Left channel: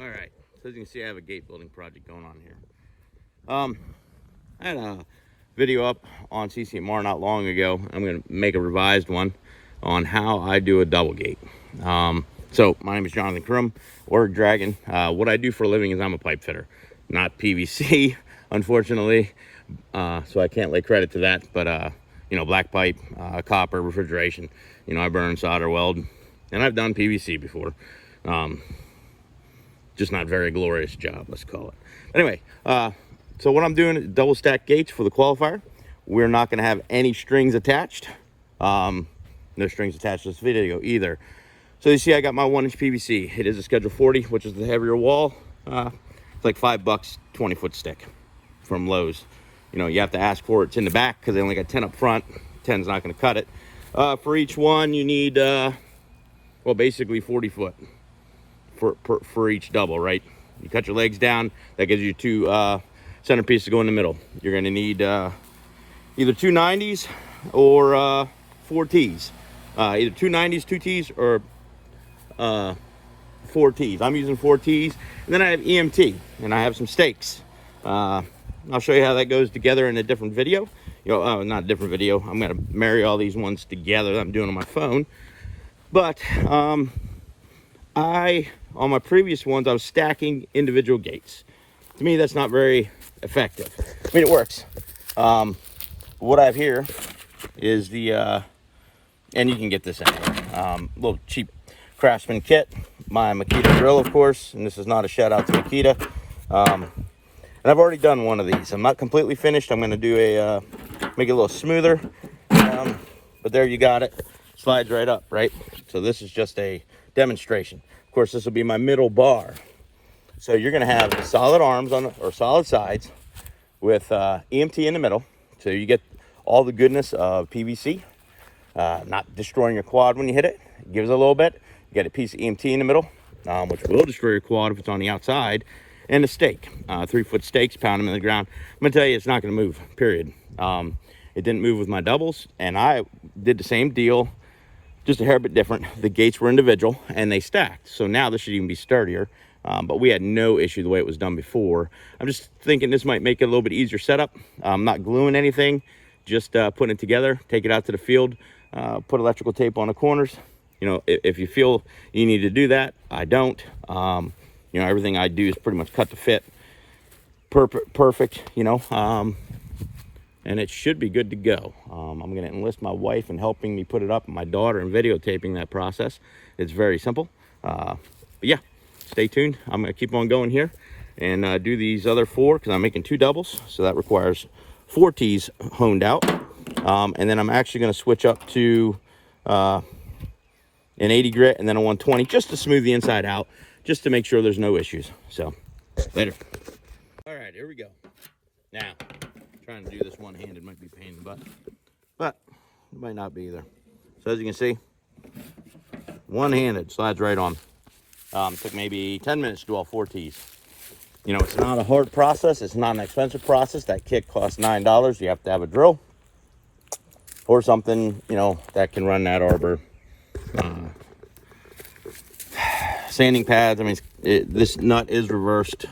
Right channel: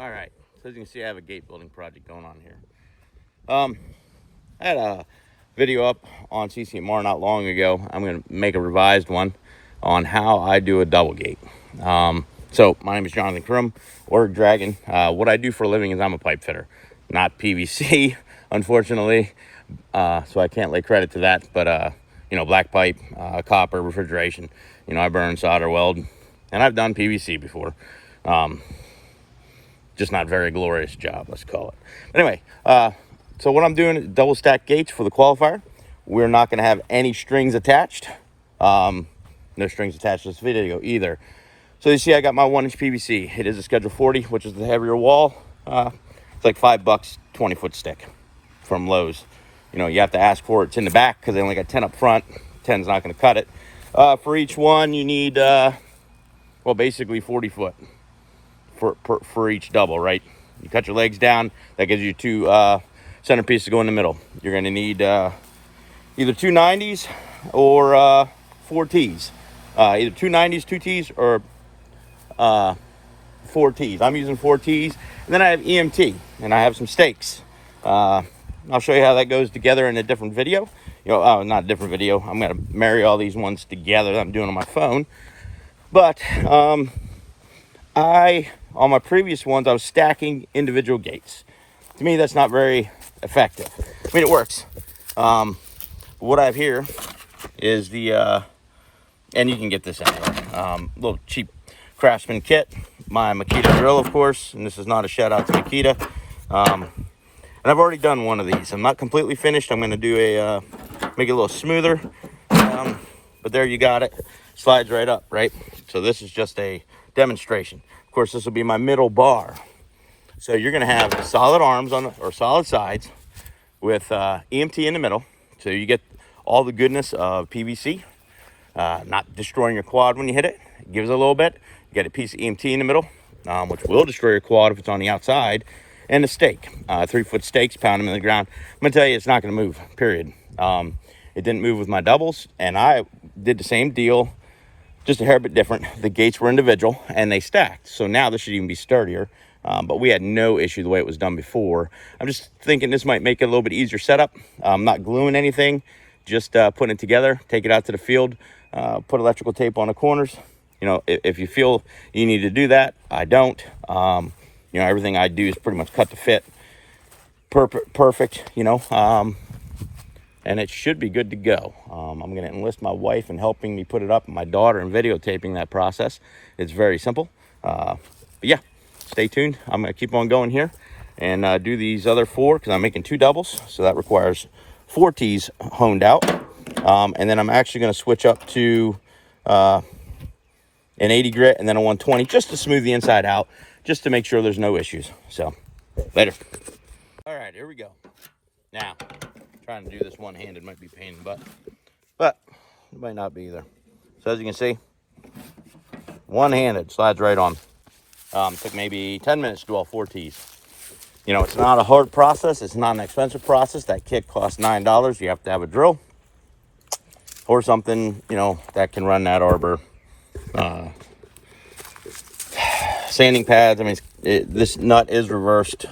All right, so as you can see, I have a gate building project going on here. I had a video up on CCMR not long ago. I'm going to make a revised one on how I do a double gate. So my name is Jonathan Crum, or Dragon. What I do for a living is I'm a pipe fitter, not PVC, unfortunately. So I can't lay credit to that, but black pipe, copper, refrigeration. I burn, solder, weld, and I've done PVC before. Just not very glorious job, let's call it. Anyway, so what I'm doing is double stack gates for the qualifier. We're not going to have any strings attached. No strings attached to this video either. So you see I got my 1-inch PVC. It is a Schedule 40, which is the heavier wall. It's like $5, 20-foot stick from Lowe's. You have to ask for it. It's in the back because they only got 10 up front. 10's not going to cut it. For each one, you need, basically 40 foot. For each double, right? You cut your legs down, that gives you two centerpieces to go in the middle. You're going to need either two 90s or 4 T's. Either two 90s, 2 T's, or 4 T's. I'm using 4 T's. And then I have EMT, and I have some stakes. I'll show you how that goes together in a different video. Not a different video. I'm going to marry all these ones together that I'm doing on my phone. But on my previous ones, I was stacking individual gates. To me, that's not very effective. I mean, it works. What I have here is the, and you can get this in little cheap Craftsman kit. My Makita drill, of course, and this is not a shout out to Makita. And I've already done one of these. I'm not completely finished. I'm going to do make it a little smoother. But there you got it. Slides right up, right? So this is just a demonstration. Of course, this will be my middle bar. So you're going to have solid arms or solid sides with EMT in the middle. So you get all the goodness of PVC, not destroying your quad when you hit it. It gives it a little bit. You get a piece of EMT in the middle, which will destroy your quad if it's on the outside, and a stake, 3-foot stakes, pound them in the ground. I'm going to tell you, it's not going to move, period. It didn't move with my doubles, and I did the same deal, just a hair bit different. The gates were individual and they stacked. So now this should even be sturdier. But we had no issue the way it was done before. I'm just thinking this might make it a little bit easier setup. I'm not gluing anything, just putting it together, take it out to the field, put electrical tape on the corners. If you feel you need to do that, I don't. Everything I do is pretty much cut to fit. Perfect, and it should be good to go. I'm going to enlist my wife in helping me put it up, and my daughter in videotaping that process. It's very simple. But yeah, stay tuned. I'm going to keep on going here and do these other 4 because I'm making 2 doubles. So that requires 4 T's honed out. And then I'm actually going to switch up to an 80 grit and then a 120 just to smooth the inside out, just to make sure there's no issues. So later. All right, here we go. Now, trying to do this one-handed might be a pain in the butt, but it might not be either. So as you can see, one-handed, slides right on. Took maybe 10 minutes to do all 4 T's. It's not a hard process. It's not an expensive process. That kit costs $9. You have to have a drill or something, that can run that arbor. Sanding pads. I mean, this nut is reversed.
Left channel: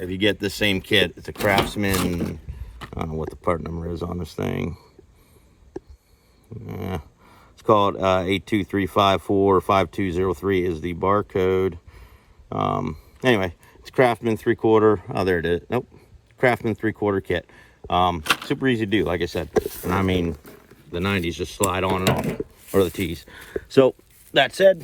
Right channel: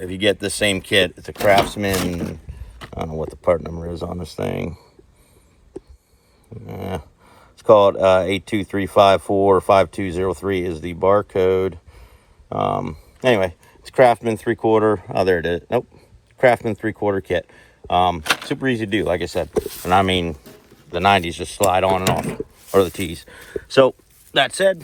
If you get the same kit, it's a Craftsman. I don't know what the part number is on this thing. It's called 82354 5203 is the barcode. Anyway, it's Craftsman 3/4. Oh, there it is. Nope. Craftsman 3/4 kit. Super easy to do, like I said. And I mean, the 90s just slide on and off, or the T's. So, that said,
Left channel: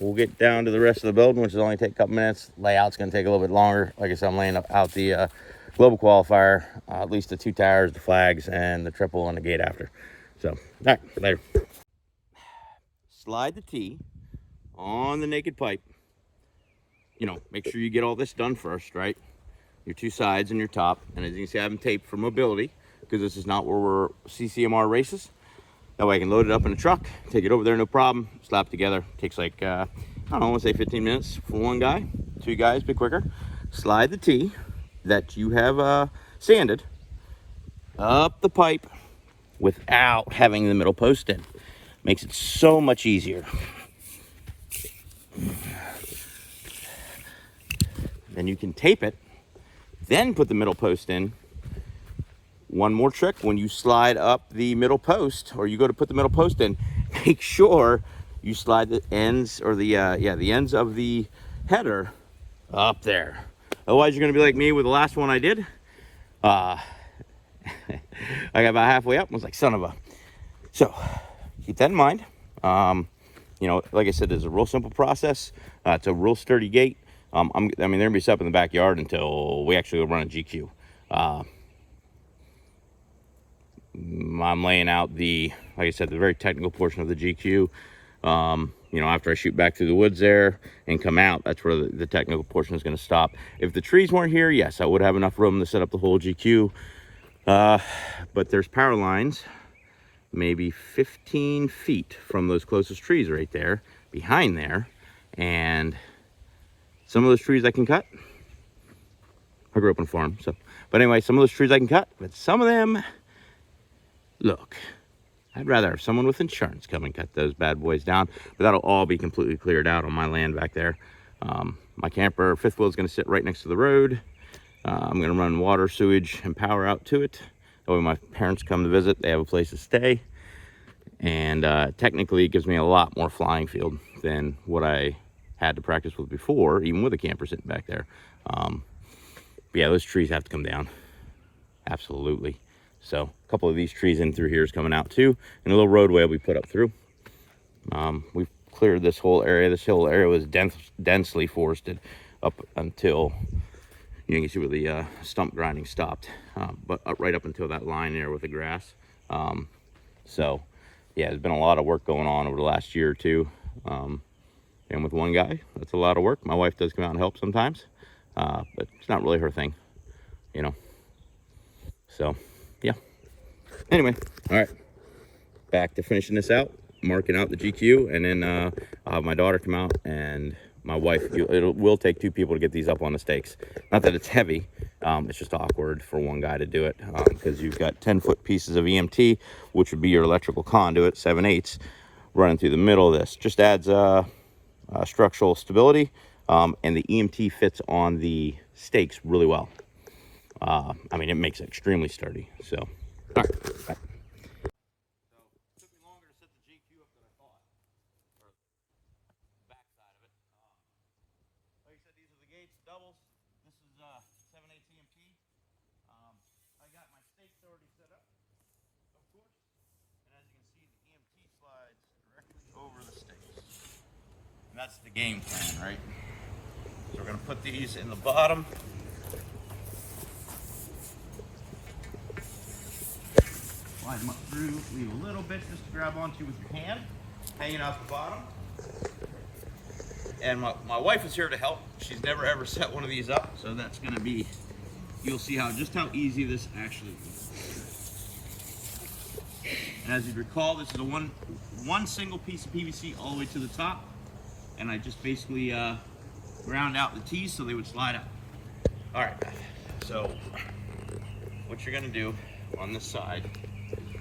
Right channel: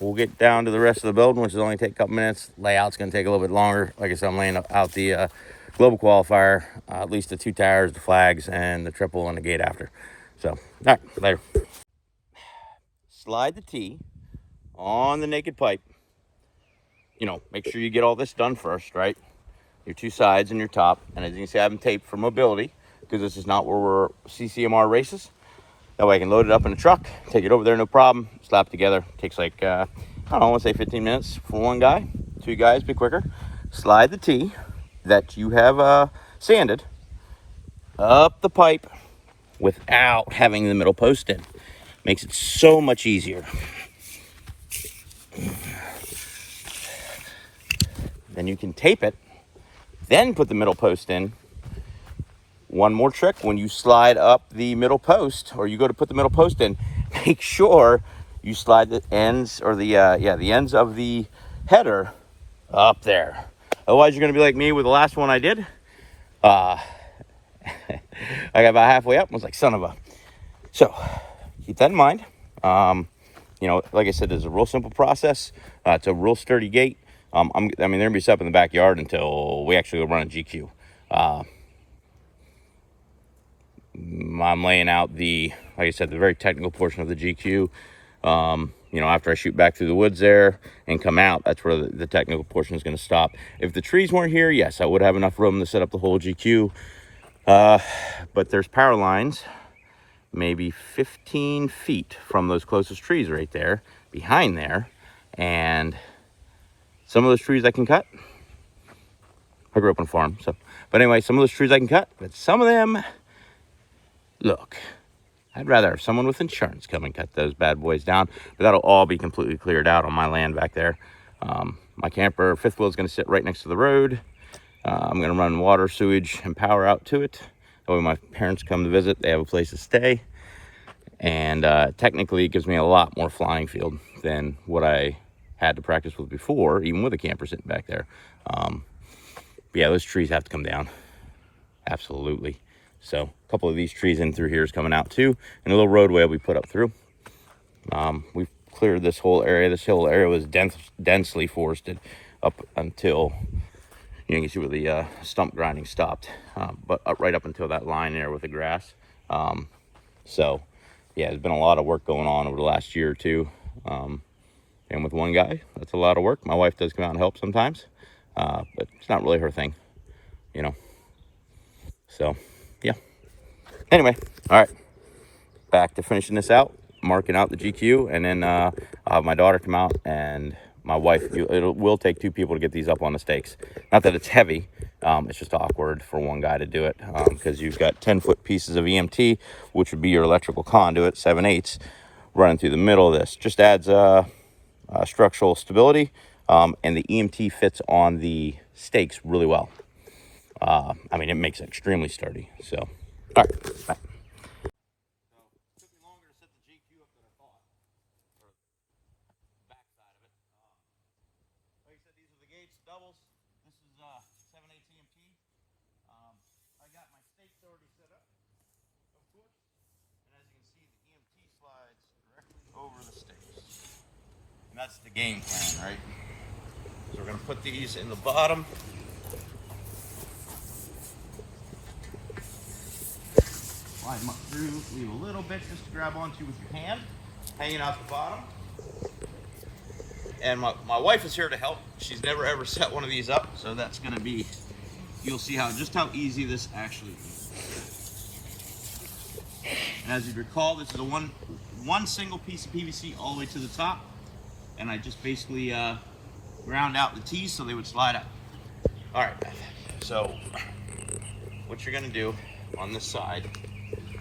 we'll get down to the rest of the building, which will only take a couple minutes. Layout's going to take a little bit longer. Like I said, I'm laying out the global qualifier, at least the 2 towers, the flags, and the triple on the gate after. So, all right, later. Slide the T on the naked pipe. Make sure you get all this done first, right? Your 2 sides and your top. And as you can see, I have them taped for mobility because this is not where we're CCMR races. That way I can load it up in the truck, take it over there, no problem, slap together. Takes like, I want to say 15 minutes for one guy. 2 guys, be quicker. Slide the T that you have sanded up the pipe without having the middle post in. Makes it so much easier. Then you can tape it, then put the middle post in. One more trick, when you slide up the middle post, or you go to put the middle post in, make sure you slide the ends, or the ends of the header up there. Otherwise, you're gonna be like me with the last one I did. I got about halfway up and was like, son of a. So keep that in mind. You know, like I said, it's a real simple process. It's a real sturdy gate. I mean, they're gonna be set up in the backyard until we actually go run a GQ. I'm laying out the, like I said, the very technical portion of the GQ. You know, after I shoot back through the woods there and come out, that's where the technical portion is going to stop. If the trees weren't here, yes, I would have enough room to set up the whole GQ. But there's power lines maybe 15 feet from those closest trees right there, behind there. And some of those trees I can cut. I grew up on a farm, so. But anyway, some of those trees I can cut, but some of them, look, I'd rather have someone with insurance come and cut those bad boys down, but that'll all be completely cleared out on my land back there. My camper, fifth wheel, is going to sit right next to the road. I'm going to run water, sewage, and power out to it. That way my parents come to visit, they have a place to stay. And technically, it gives me a lot more flying field than what I had to practice with before, even with a camper sitting back there. But yeah, those trees have to come down. Absolutely. So a couple of these trees in through here is coming out too, and a little roadway will be put up through. We've cleared this whole area. This whole area was densely forested up until, you can see where the stump grinding stopped, but right up until that line there with the grass. So yeah, there's been a lot of work going on over the last year or two. And with one guy, that's a lot of work. My wife does come out and help sometimes, but it's not really her thing, you know. So yeah. Anyway, all right. Back to finishing this out, marking out the GQ, and then my daughter come out, and my wife. It will take two people to get these up on the stakes. Not that it's heavy. It's just awkward for one guy to do it because you've got 10-foot pieces of EMT, which would be your electrical conduit, 7/8, running through the middle of this. Just adds structural stability, and the EMT fits on the stakes really well. I mean, it makes it extremely sturdy. So, all right. Bye. So, it took me longer to set the GQ up than I thought. Or the back side of it. Like I said, these are the gates, doubles. This is 7/8 EMT. I got my stakes already set up, of course. And as you can see, the EMT slides directly over the stakes. And that's the game plan, right? So we're going to put these in the bottom. Slide them up through, leave a little bit just to grab onto with your hand, hanging out the bottom. And my wife is here to help. She's never ever set one of these up, so that's going to be, you'll see just how easy this actually is. And as you recall, this is a one single piece of PVC all the way to the top, and I just basically ground out the T's so they would slide out. All right, so what you're going to do on this side,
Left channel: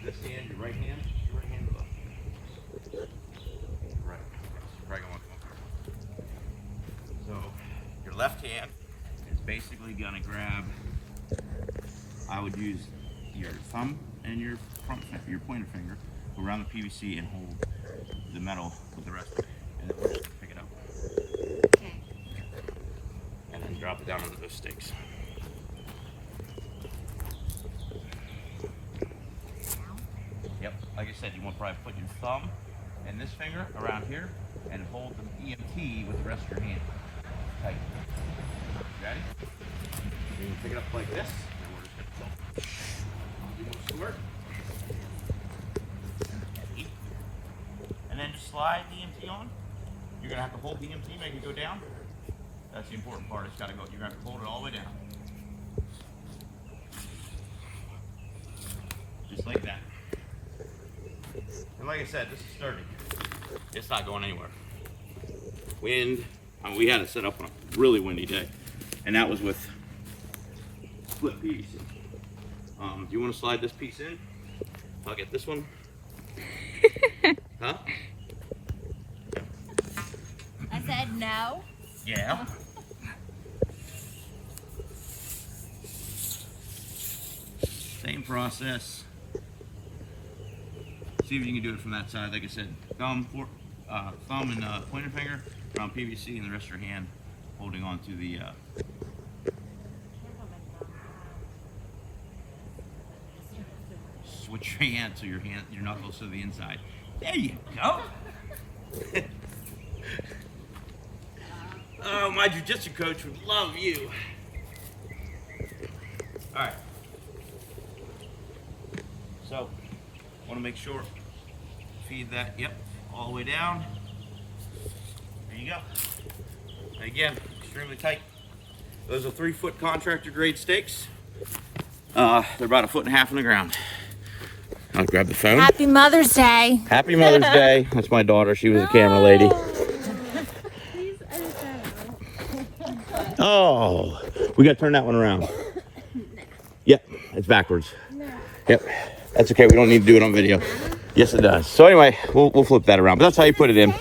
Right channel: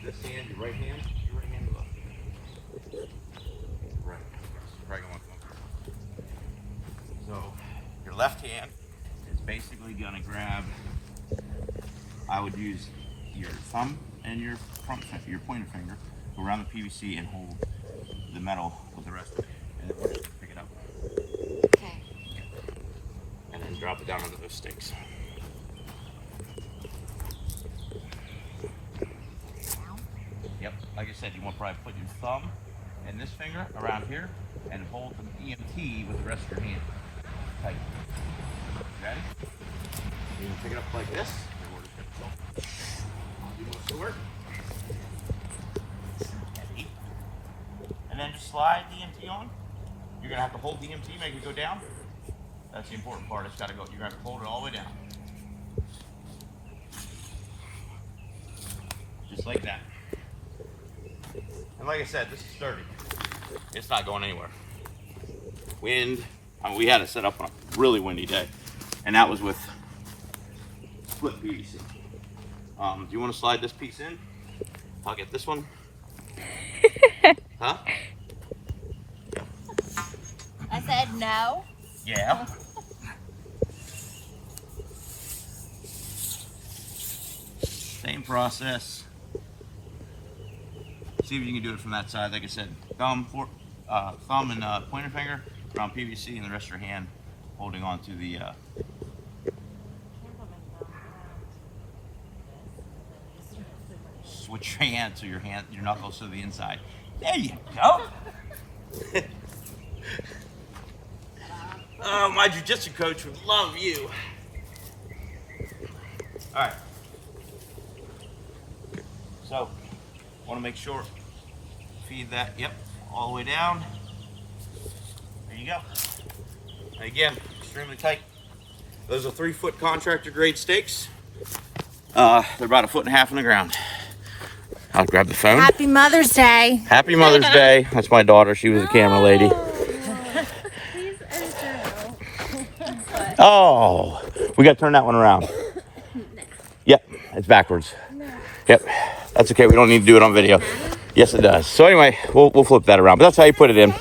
this hand, your right hand or left hand? Right. You're probably gonna want to come up here. So your left hand is basically gonna grab, I would use your thumb and your pointer finger, go around the PVC and hold the metal with the rest of it. And then we're just gonna pick it up. Okay. And then drop it down onto those stakes. Yep, like I said, you want to probably put your thumb and this finger around here and hold the EMT with the rest of your hand tight. Okay? You can pick it up like this, and we're just going to do the work. And then just slide the EMT on. You're going to have to hold the EMT, make it go down. That's the important part. It's got to go. You're going to have to hold it all the way down. Just like that. And like I said, this is sturdy. It's not going anywhere. Wind, I mean, we had it set up on a really windy day, and that was with split PVC. Do you want to slide this piece in? I'll get this one. Huh? I said no. Yeah. process. See if you can do it from that side. Like I said, thumb and pointer finger around PVC, and the rest of your hand holding on to the. Switch your hand so your knuckles to the inside. There you go. Oh, my jiu-jitsu coach would love you. All right. So, want to make sure, feed that, yep, all the way down. There you go. Again, extremely tight. Those are 3-foot contractor grade stakes. They're about 1.5 feet in the ground. I'll grab the phone. Happy Mother's Day. Happy Mother's Day. That's my daughter. She was a camera lady. Please enter. Oh, we got to turn that one around. Yep, it's backwards. Yep, that's okay. We don't need to do it on video. Yes, it does. So anyway, we'll flip that around. But that's how you put it in.